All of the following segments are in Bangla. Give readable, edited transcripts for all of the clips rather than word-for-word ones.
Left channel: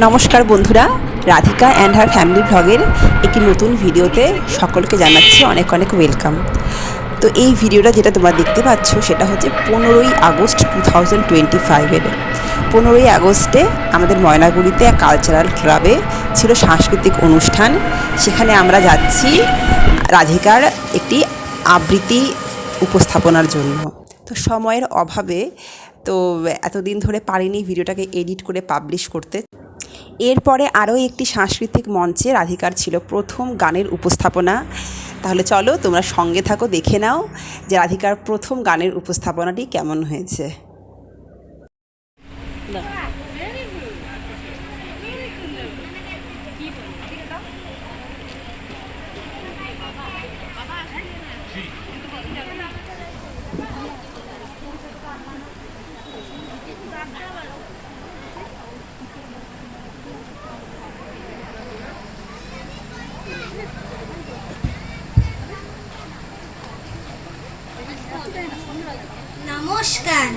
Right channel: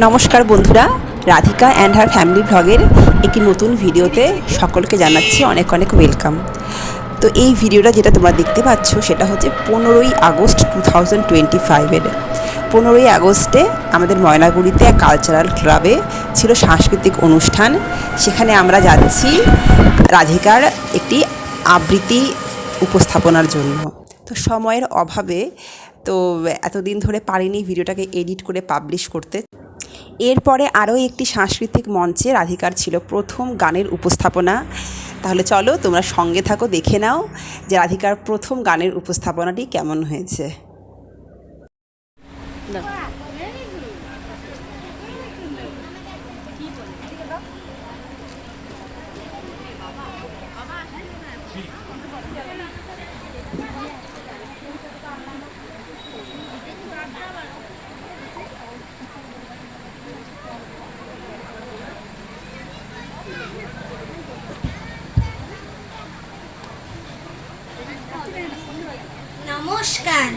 নমস্কার বন্ধুরা, রাধিকা অ্যান্ড হার ফ্যামিলি ব্লগের একটি নতুন ভিডিওতে সকলকে জানাচ্ছি অনেক অনেক ওয়েলকাম। তো এই ভিডিওটা যেটা তোমরা দেখতে পাচ্ছ সেটা হচ্ছে 15ই আগস্ট 2025-এর। 15ই আগস্টে আমাদের ময়নাগুড়িতে এক কালচারাল ক্লাবে ছিল সাংস্কৃতিক অনুষ্ঠান। সেখানে আমরা যাচ্ছি রাধিকার একটি আবৃত্তি উপস্থাপনার জন্য। তো সময়ের অভাবে তো এতদিন ধরে পারিনি ভিডিওটাকে এডিট করে পাবলিশ করতে। এরপরে আরও একটি সাংস্কৃতিক মঞ্চে রাধিকার ছিল প্রথম গানের উপস্থাপনা। তাহলে চলো তোমরা সঙ্গে থাকো, দেখে নাও যে রাধিকার প্রথম গানের উপস্থাপনাটি কেমন হয়েছে। নমস্কার,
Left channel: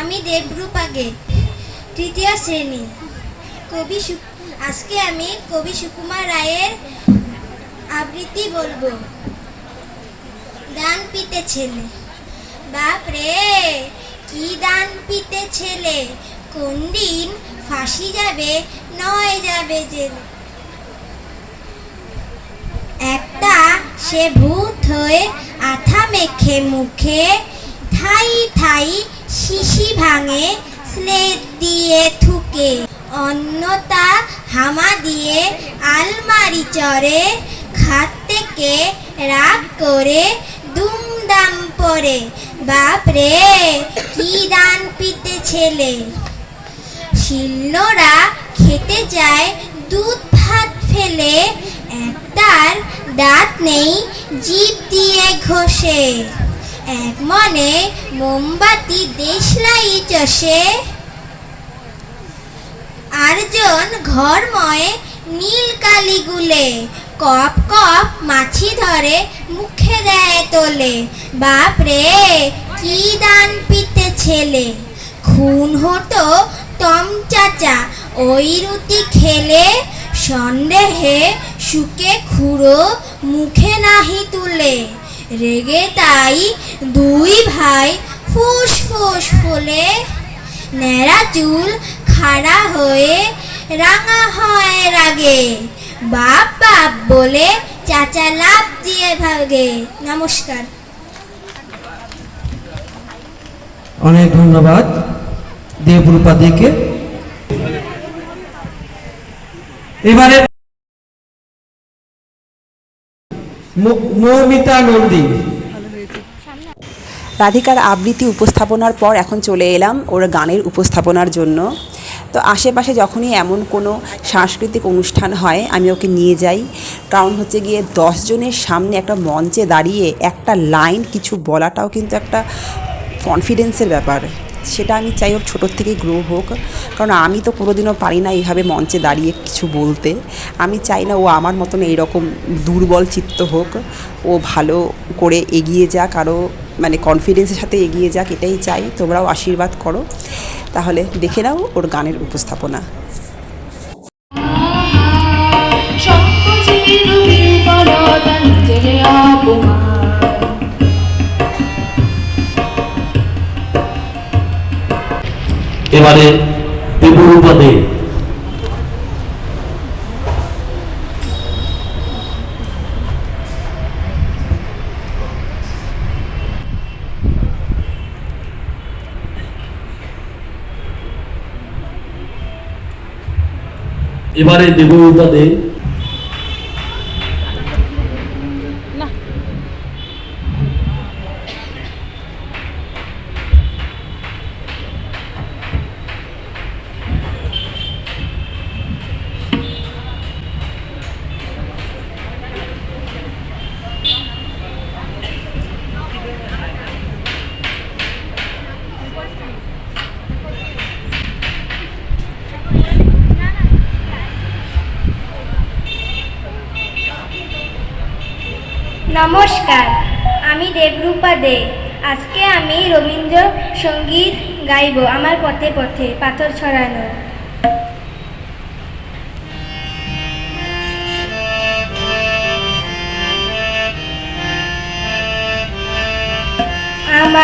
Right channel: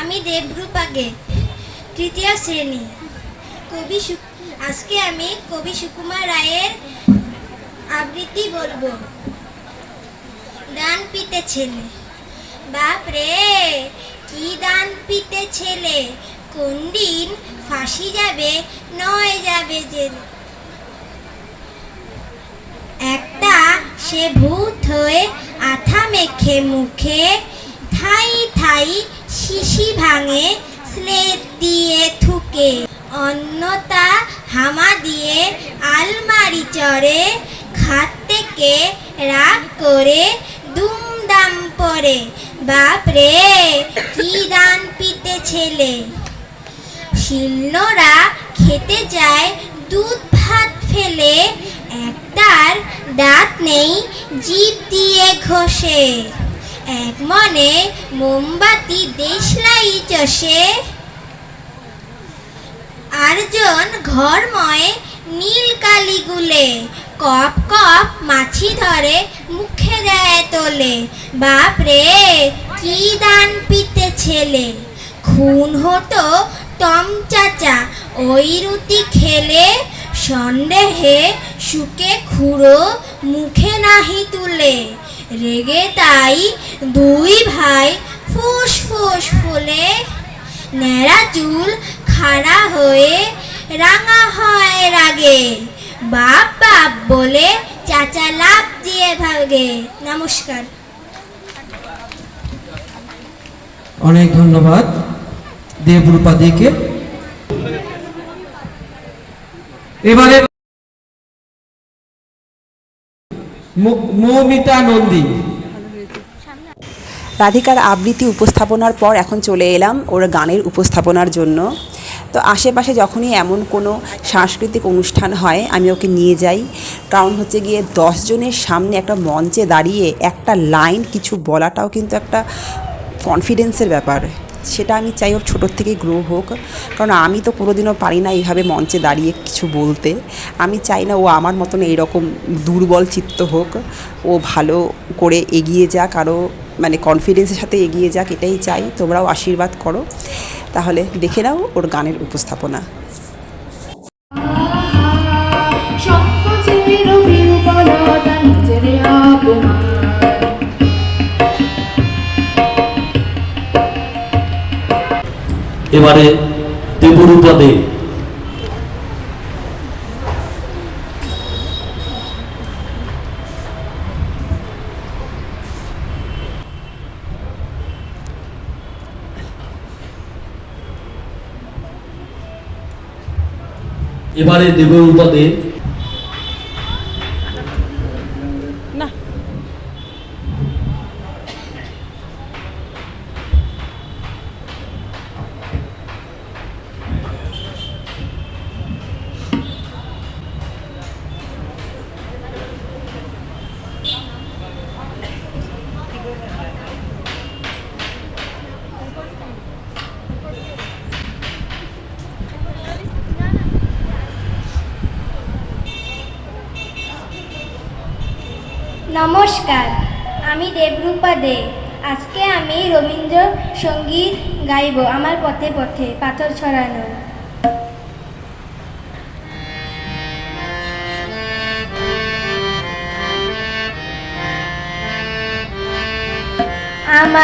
আমি দেবরূপা গে, তৃতীয় শ্রেণী। আজকে আমি কবি সুকুমার রায়ের আবৃত্তি বলবো। ডান পিতে ছেলে, বাপরে কি ডান পিতে ছেলে, কোন দিন ফাঁসি যাবে নয় যাবে জেলে। একটা সে ভূত হয়ে আঠা মেখে মুখে, ঠাই ঠাই শিশি ভাঙে স্লেট দিয়ে থুকে। অন্যতা হামা দিয়ে আলমারি চড়ে, খাট থেকে রাগ করে দুমদাম পরে। বাপরে কি ডান পিতে ছেলে। শিলনোড়া খেতে যায় দুধ ভাত ফেলে, একটার দাঁত নেই জিভ দিয়ে ঘষে। এক মনে মোমবাতি দেশলাই চষে, আরজন ঘরময় নীল কালি গুলে। কপ কপ মাছি ধরে মুখে দেয় তোলে। বাপরে কি ডান পিতে ছেলে। খুন হতো টম চাচা ওই রুটি খেলে, সন্দেহে শুকে খুঁড়ো মুখে নাহি তুলে। রেগে তাই দুই ভাই ফুস ফুস ফুলে, ন্যাড়া চুল খাড়া হয়ে রাঙা হয় রাগে। বাপ বাপ বলে চাচা লাভ দিয়ে ভাগে। নমস্কার। অনেক ধন্যবাদ দেবরূপা দিকে। এবারে মৌমিতা নন্দী। রাধিকার আবৃত্তি উপস্থাপনার পর এখন চলে এলাম ওর গানের উপস্থাপনার জন্য। তো আশেপাশে যখনই এমন কোনো সাংস্কৃতিক অনুষ্ঠান হয় আমি ওকে নিয়ে যাই, কারণ হচ্ছে গিয়ে 10 জনের সামনে একটা মঞ্চে দাঁড়িয়ে একটা লাইন কিছু বলাটাও কিন্তু একটা কনফিডেন্সের ব্যাপার। সেটা আমি চাই ওর ছোটোর থেকে গ্রো হোক, কারণ আমি তো কোনোদিনও পারি না এইভাবে মঞ্চে দাঁড়িয়ে কিছু বলতে। আমি চাই না ও আমার মতন এইরকম দুর্বল চিত্ত হোক, ও ভালো করে এগিয়ে যাক, আরও মানে কনফিডেন্সের সাথে এগিয়ে যাক, এটাই চাই। তোমরাও আশীর্বাদ করো। তাহলে দেখে নাও ওর গানের উপস্থাপনা। এবারে দেবরূপা দে। এবারে দেবরূপা দে। নমস্কার, আমি দেবরূপা দে। আজকে আমি রবীন্দ্র সঙ্গীত গাইব। আমার পথে পথে পাথর ছড়ানো।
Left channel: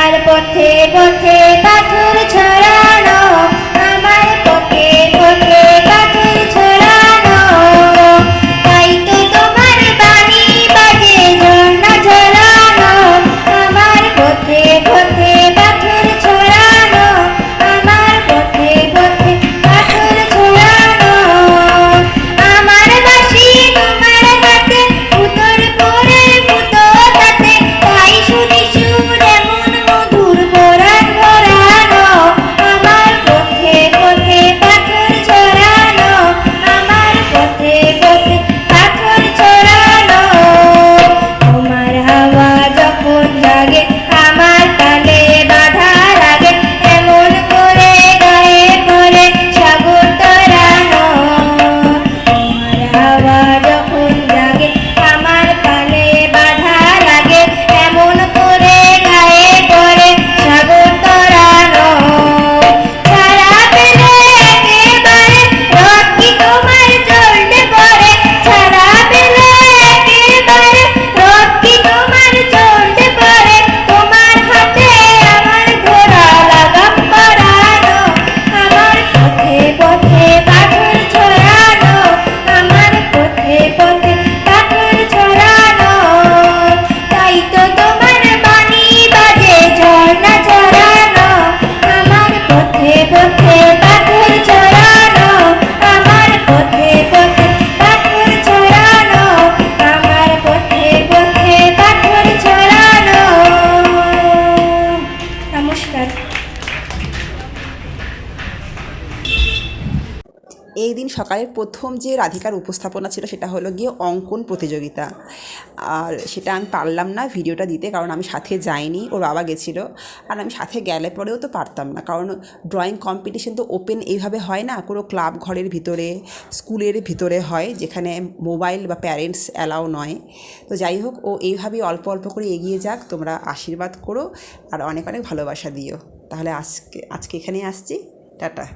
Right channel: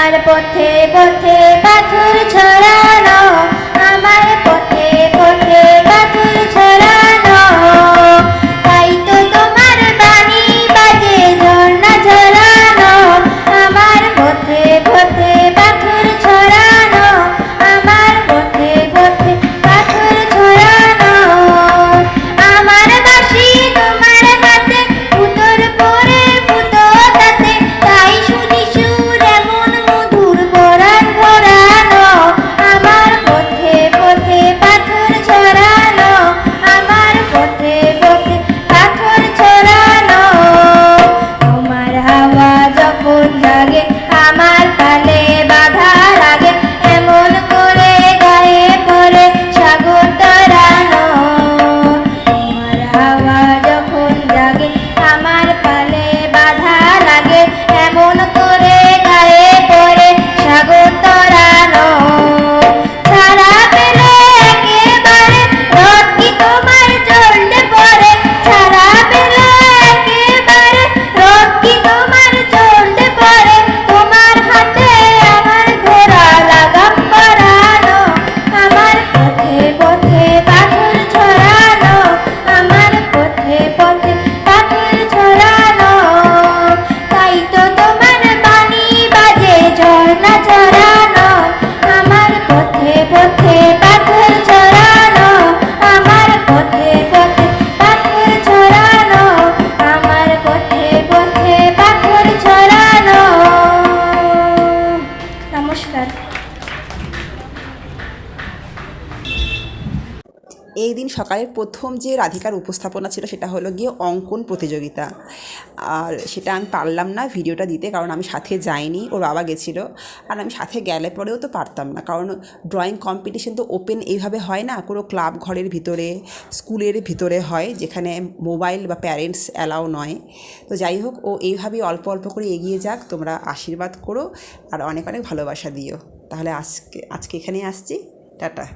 আমার পথে পথে পাথর ছড়ানো, আমার পথে পথে পাথর ছড়ানো, তাই তো তোমার বাণী বাজে ঝর্ণা ঝরানো, আমার পথে পথে পাথর ছড়ানো, আমার পথে পথে পাথর ছড়ানো, আমার বাঁশি তোমার হাতে, ফুটোর পরে ফুটো তাতে, তাই শুনি সুর এমন মধুর পরাণ ভরানো, আমার পথে পথে পাথর ছড়ানো, আমার পথে পথে পাথর ছড়ানো, তোমার হাওয়া যখন জাগে আমার তালে বাধা লাগে, এমন করে গায়ে পড়ে সাগর তরানো, তোমার হাওয়া যখন জাগে আমার তালে বাধা লাগে, এমন করে গায়ে পড়ে সাগর তরানো, ছাড়া পেলে একেবারে রথ কি তোমার চলতে পড়ে, ছাড়া পেলে একেবারে রথ কি তোমার চলতে পারে, তোমার হাতে আমার ঘোড়া লাগাম পরানো, আমার পথে পথে পাথর ছড়ানো, আমার পথে পথে পাথর ছড়ানো, তাই তো তোমার বাণী বাজে ঝর্ণা ঝরানো, আমার পথে পথে পাথর ছড়ানো, আমার পথে পথে পাথর ছড়ানো, আমার পথে পথে পাথর ছড়ানো। নমস্কার। এই দিন সকালের প্রথম যে রাধিকার উপস্থাপনা ছিল সেটা হলো গিয়ে অঙ্কন প্রতিযোগিতা। আর সেটা আমি পারলাম না ভিডিওটা দিতে, কারণ আমি সাথে যাইনি, ওর বাবা গেছিলো। আর আমি সাথে গেলে পরেও তো পারতাম না, কারণ ড্রয়িং কম্পিটিশন তো ওপেন এইভাবে হয় না, কোনো ক্লাব ঘরের ভিতরে, স্কুলের ভিতরে হয়, যেখানে মোবাইল বা প্যারেন্টস অ্যালাউ নয়। তো যাই হোক, ও এইভাবেই অল্প অল্প করে এগিয়ে যাক, তোমরা আশীর্বাদ করো আর অনেক অনেক ভালোবাসা দিও। তাহলে আজকে এখানেই আসছি, টাটা।